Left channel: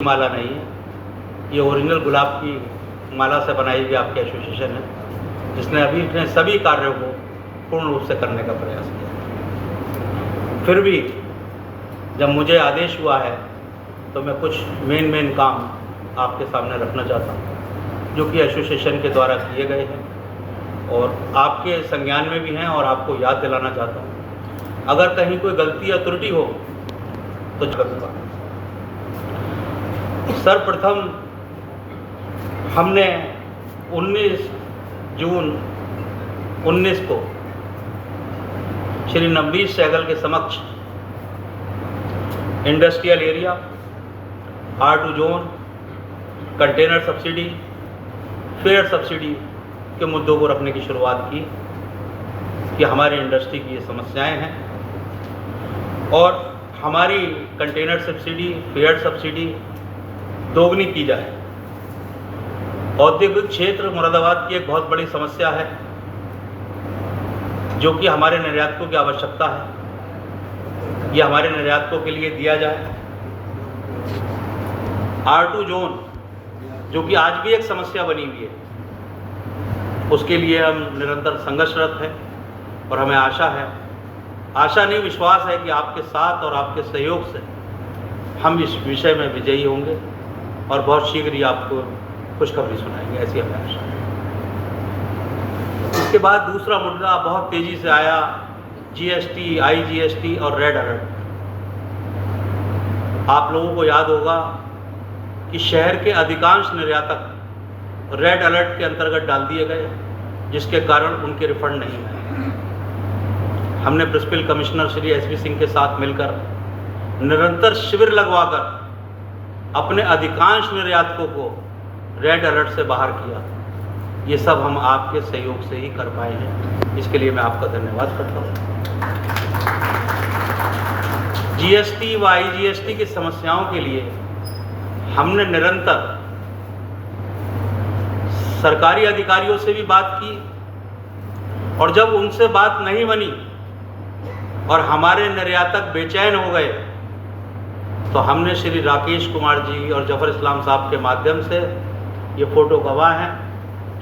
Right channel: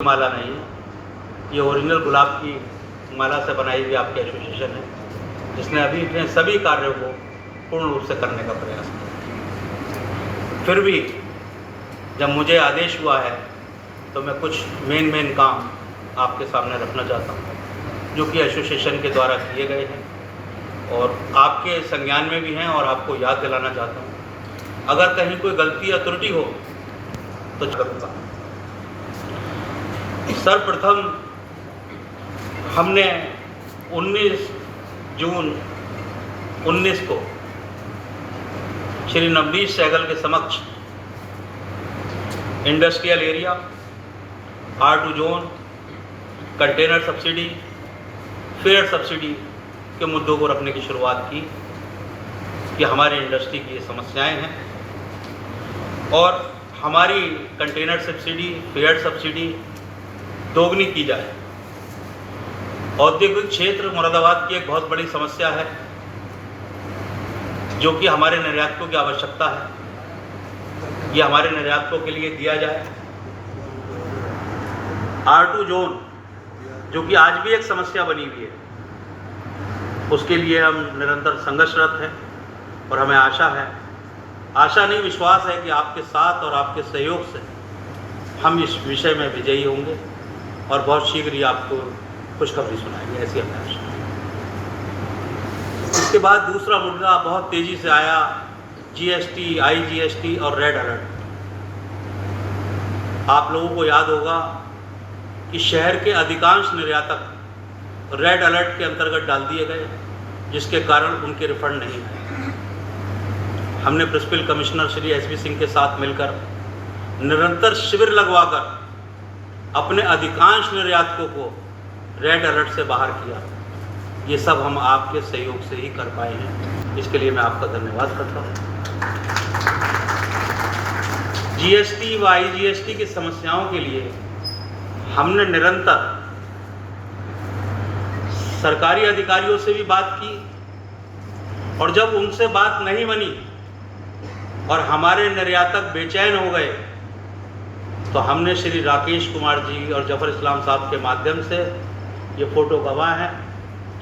माला नहीं है, ये ओरिजिनल गुलाब की माला से बनाई हुई आपकी एसोसिएशन है, जिसने अभी अपने सभी कार्यों को पूर्ण रूप से करने का प्रयास किया। फिर भी जब मुझे आदेश हुआ है तो मैं कुछ मेन काम आपके सामने रखना चाहता हूँ, जो कि एसोसिएशन के द्वारा किए गए हैं और आपके संज्ञान में भी हैं, और आपको याद दिलाना चाहता हूँ। अगर कहीं कोई गलती या त्रुटि हो तो करूँगा। सर्वप्रथम हमने 19 जून 19 को श्री नवनीत सहगल के समक्ष industrial area, R2 zone, container subsidy, fair subsidy के मुद्दों को रखने की शुरुआत की कि हमारी इंडस्ट्री की ये समस्याएं हैं और हमारी कंटेनर सब्सिडी, फेयर सब्सिडी दोगुनी की जाए। औद्योगिक क्षेत्र मुरादाबाद की एक बहुत बड़ी समस्या है, जो कि हमारे निर्यातकों की आवश्यकता है, ये हमारे निर्यातकों के लिए दिया जाए। R2 जोन, जो कि आज भी एक समस्या बनी हुई है, उसके लिए हम निरंतर संघर्षरत हैं और हमें आशा नहीं विश्वास है कि आपके साथ और आपके सहयोग से हम इस विषय में विजयी होंगे और बहुत शीघ्र ही आपको खुशखबरी सुनाएंगे, ऐसी हमें आशा है। इसके बाद दूसरा मुद्दा बहुत तेज़ी से आया, GST, IGST और रेड अलर्ट। आप लोगों को याद होगा कि शहर के अधिकांश निर्यातक रेड अलर्ट के अंतर्गत डाल दिए गए, जिसके कारण उनके रिफंड नहीं आए। हमने principal commissioner Shri SV Singh के साथ मिलकर निरंतर शिविर लगवाकर अपने अधिकांश निर्यातकों को रेड अलर्ट से बाहर किया। ये सब हम आपके सहयोग से ही कर पाए हैं, इसके लिए मैं आपका धन्यवाद करता हूँ। GST व IGST की समस्याओं के लिए हमने निरंतर सरकारी अधिकारियों से भी बात की, और जब उनसे बात नहीं बनी और हमारे निर्यातक बेचैन हो गए तो हमने श्री राकेश कुमार जी और जफर इस्लाम साहब के माध्यम से, ये फोटो गवाह हैं,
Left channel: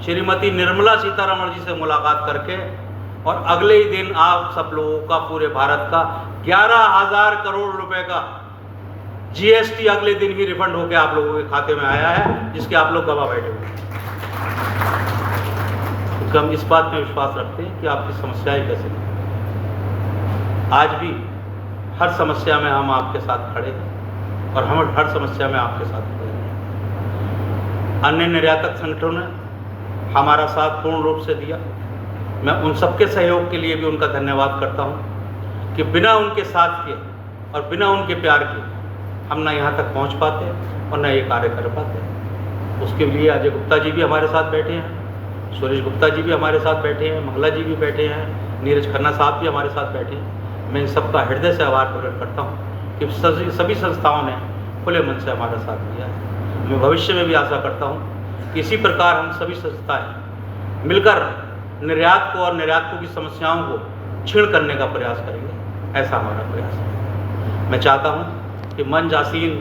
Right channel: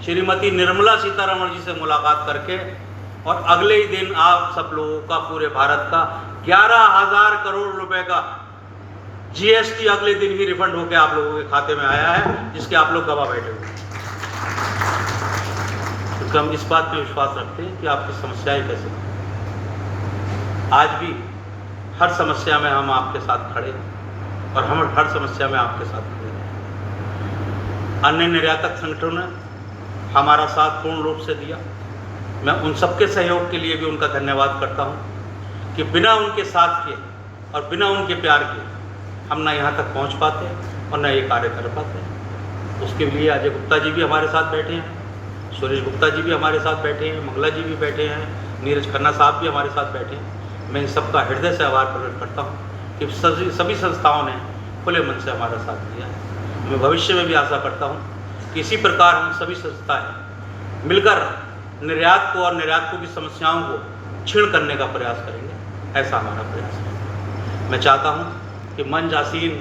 श्रीमती निर्मला सीतारमण जी से मुलाकात करके, और अगले ही दिन आप सब लोगों का, पूरे भारत का 11,000 करोड़ रुपए का GST अगले दिन ही रिफंड होकर आप लोगों के खाते में आया है, जिसके आप लोग गवाह बैठे हुए हैं। तो हम इस बात पे विश्वास रखते हैं कि आपकी समस्याएं कैसे हैं। आज भी हर समस्या में हम आपके साथ खड़े हैं और हम हर समस्या में आपके साथ खड़े हैं। अन्य निर्यातक संगठनों ने हमारा साथ पूर्ण रूप से दिया। मैं उन सबके सहयोग के लिए भी उनका धन्यवाद करता हूं कि बिना उनके साथ के और बिना उनके प्यार के हम ना यहाँ तक पहुँच पाते और ना ये कार्य कर पाते। उसके लिए अजय गुप्ता जी भी हमारे साथ बैठे हैं, सुरेश गुप्ता जी भी हमारे साथ बैठे हैं, मंगला जी भी बैठे हैं, नीरज खन्ना साहब भी हमारे साथ बैठे हैं। मैं इन सबका हृदय से आभार प्रकट करता हूँ कि सभी संस्थाओं ने खुले मन से हमारा साथ दिया है। मैं भविष्य में भी आशा करता हूँ कि इसी प्रकार हम सभी संस्थाएं मिलकर निर्यात को और निर्यातकों की समस्याओं को क्षीण करने का प्रयास करेंगे, ऐसा हमारा प्रयास है। मैं चाहता हूँ कि मंच आसीन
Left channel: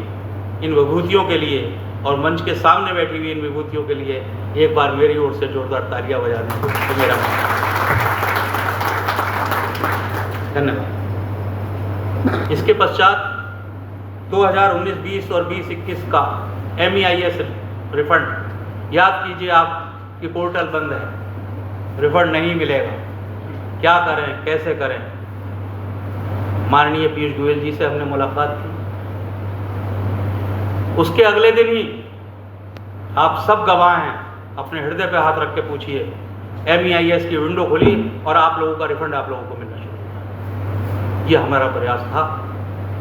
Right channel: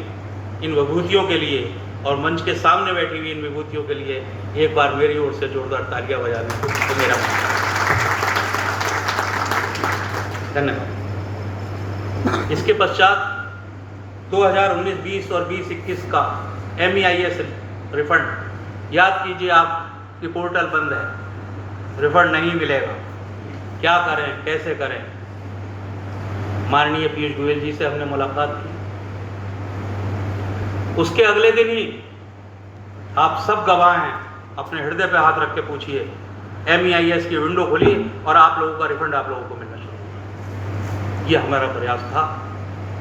इन विभूतियों के लिए और मंच के सामने बैठी हुई इन विभूतियों के लिए एक बार मेरी ओर से जोरदार तालियां बजाने को तो मेरा धन्यवाद। इसके पश्चात 2019-20 और 20-21 का MEIS रिफंड, याद कीजिए आपकी पोर्टल बंद है, रिफंड नहीं मिलेगा, क्या करें, कैसे करें। माननीय पीयूष गोयल जी से हमने मुलाकात की, उसके अगले दिन ही आप सब गवाह हैं, अपने हृदय पे हाथ रख के पूछिए, MEIS की विंडो खुली और आप लोगों का रिफंड आप लोगों को मिलना शुरू हुआ। ये हमारा प्रयास था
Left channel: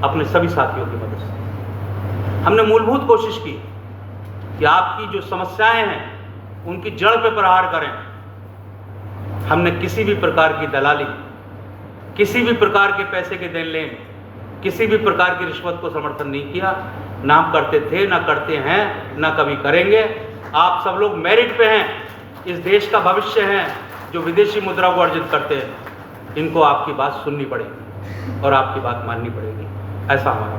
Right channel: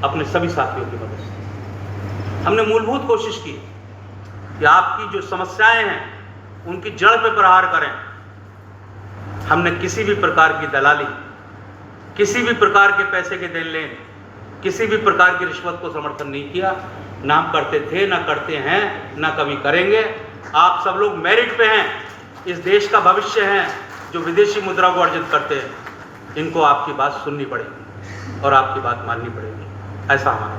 अपने सभी साथियों की मदद से। हमने मूलभूत कोशिश की कि आपकी जो समस्याएं हैं उनकी जड़ पे प्रहार करें। हमने किसी भी प्रकार की दलाली, किसी भी प्रकार के पैसे के देन लेन, किसी भी प्रकार की रिश्वत को समर्थन नहीं किया। ना हम करते थे, ना करते हैं, ना कभी करेंगे। आप सब लोग मेरिट पे हैं, इस देश का भविष्य हैं, जो विदेशी मुद्रा को अर्जित करते हैं। इनको आपकी बात सुननी पड़ेगी और आपकी बात माननी पड़ेगी, ऐसा हमारा